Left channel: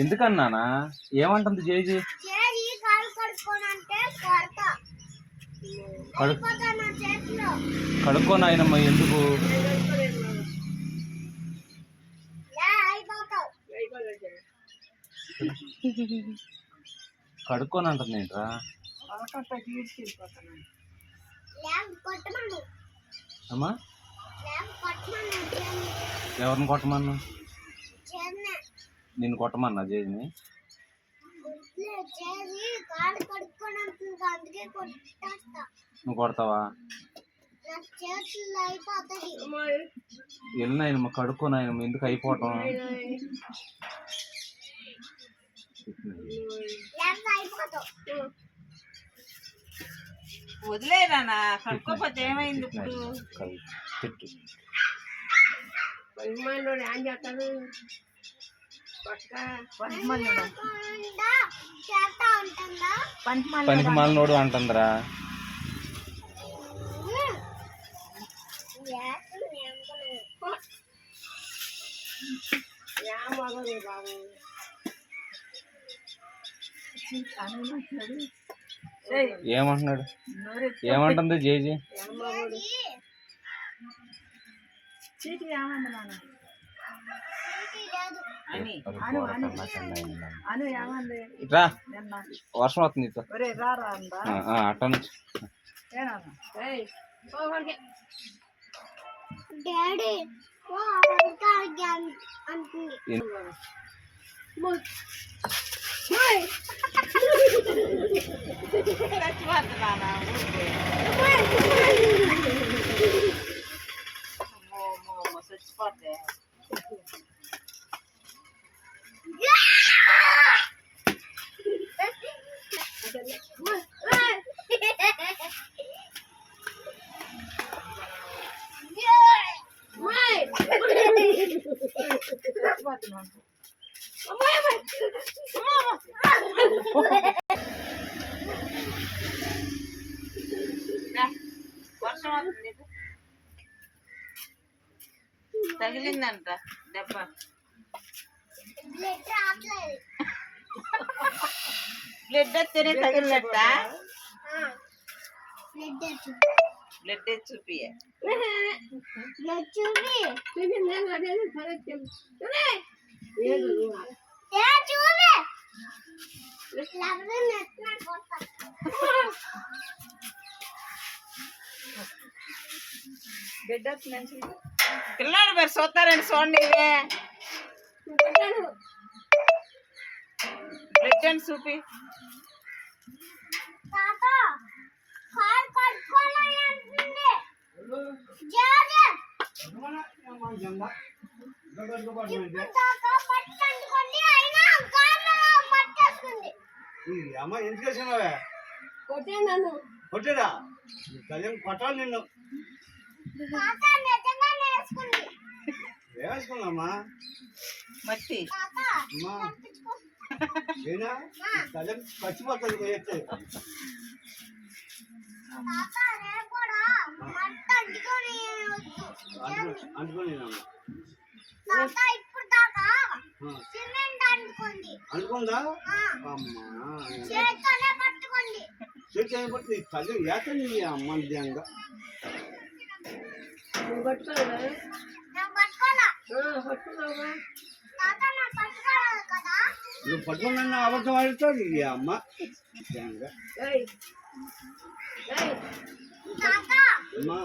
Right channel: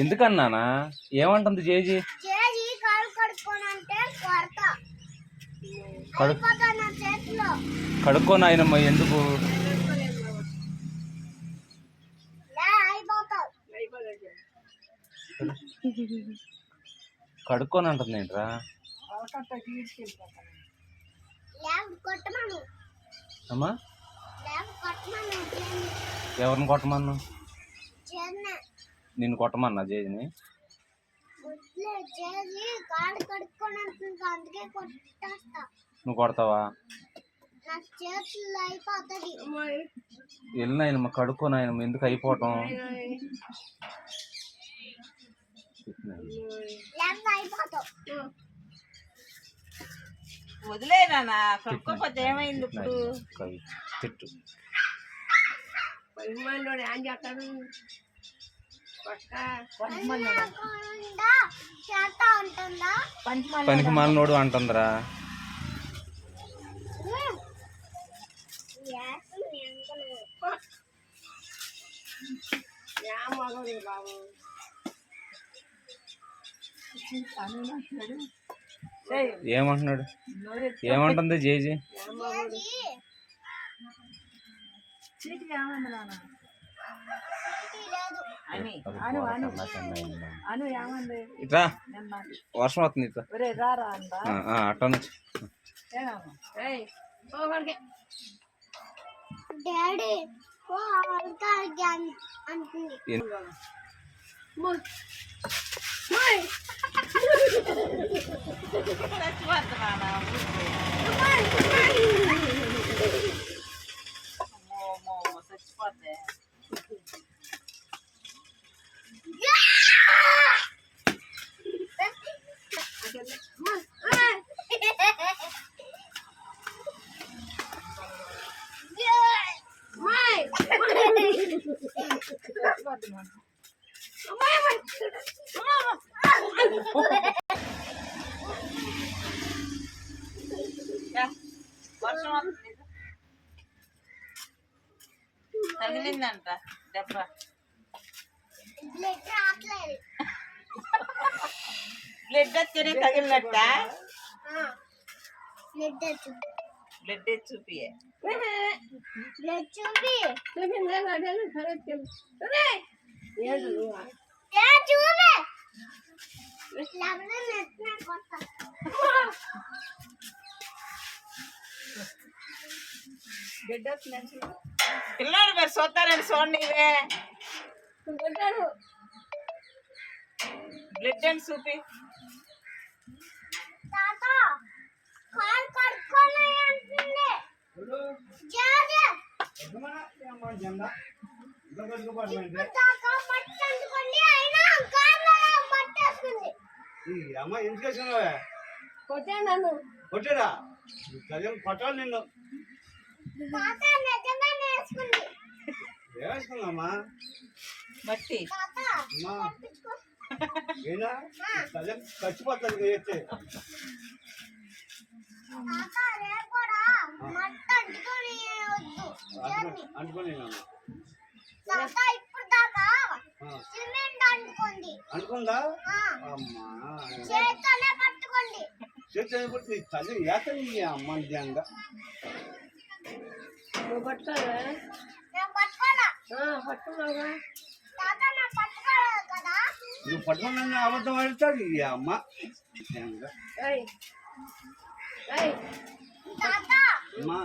ఎందుకన్నానా? ఏమంటుంది జేజీ? కడుక్కో నాయనమ్మ. ఎందుకు కడుక్కొని అంటుంది ఏంట్రా? అమ్మా ఎవరిని కొట్టమన్నా? నిన్ను కొట్టమన్నా జేజిని? నువ్వు కొడతావా? వెళ్ళినాయనమ్మ కడుక్కో నాయనమ్మ. ఎందుకు అయిపోవటం? వదిలేనా? కడుక్కోపోతే ఏమైంది ఇప్పుడు? తిట్టు. పనికి మాలినోడు అంటుందిరా. ఏమంటున్నాడు? ఏమంటుంది జేజీ? ఇట్రా, వర్షం వస్తుంది. అట్ట నుంచి చచ్చిపోతే వర్షం వస్తుంది. తగిలిందంట దెబ్బ. బ్లడ్ వస్తేనే తగిలినట్ట. బ్లడ్ చూపి పిల్లాడు మరి చూస్తారని చూడండి. బ్లడ్ అని చూపి అమ్మ ఎందుకు వేసినావే? నన్ను కొట్టాడా? కొట్టాలి నిన్ను. ఏమేసుకున్నామ్మా? మట్టి ఏనా తల్లి చచ్చిపోతుంది పోయేస్తే. అంటుకోని అనుకుందా? అమ్మా చేతి పట్టి తల్లి ఏతండి అమ్మ నిజంగా. నువ్వు పట్టుకోవా? నువ్వు పట్టుకున్నా అబద్ధం ఆడుతాడు ఈ అమ్మ నిజంగా. అమ్మా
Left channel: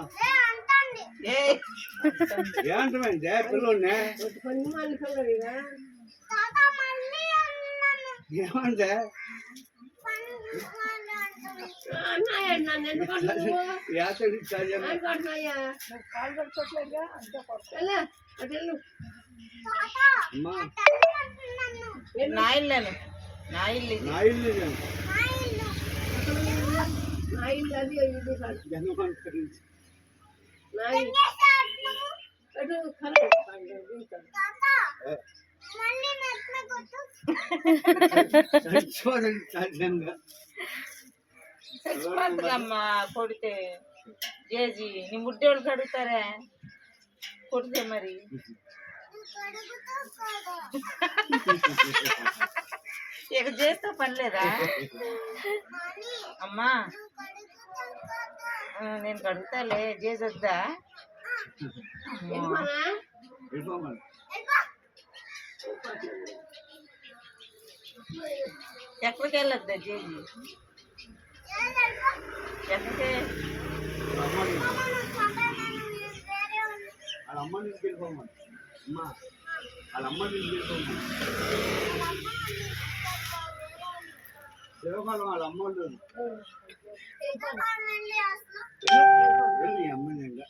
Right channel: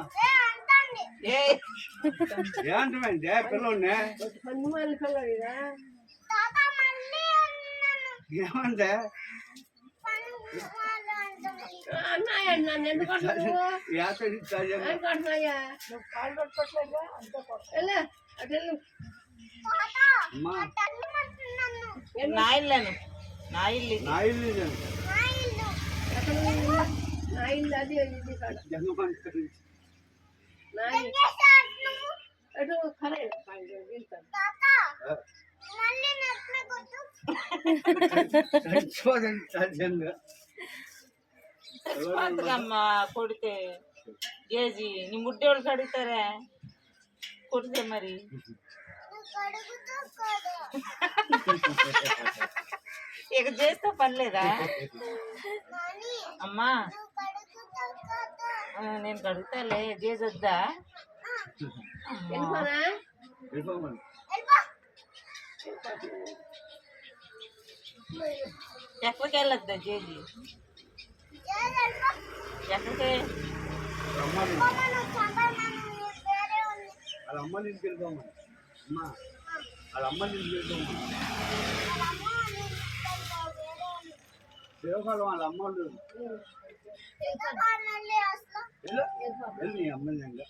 ఏంటంటే పిల్లల్ని ఏమంటే చచ్చిపోతుందమ్మా కొడితే. జేజీ నీ ముడ్డోళ్ళకి అడుగుతారా కొడితే? మరి ఇక చేస్తే పని లేదా అమ్మా నేను కడుగుతాలే చేసొద్దా వెళ్ళిపోమని. ఎక్కడికి వెళ్ళొద్దా జేజీ ఎక్కడికి వాళ్ళ అమ్మ నుంచి వెళ్ళిపోమని. అమ్మా వాళ్ళ అమ్మ నుంచి వెళ్ళిపోమని. శివకాలం వాళ్ళ అమ్మ ఉండదు. వెళ్ళి అమ్మ ఇంకా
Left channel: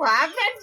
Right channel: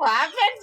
వాపేసి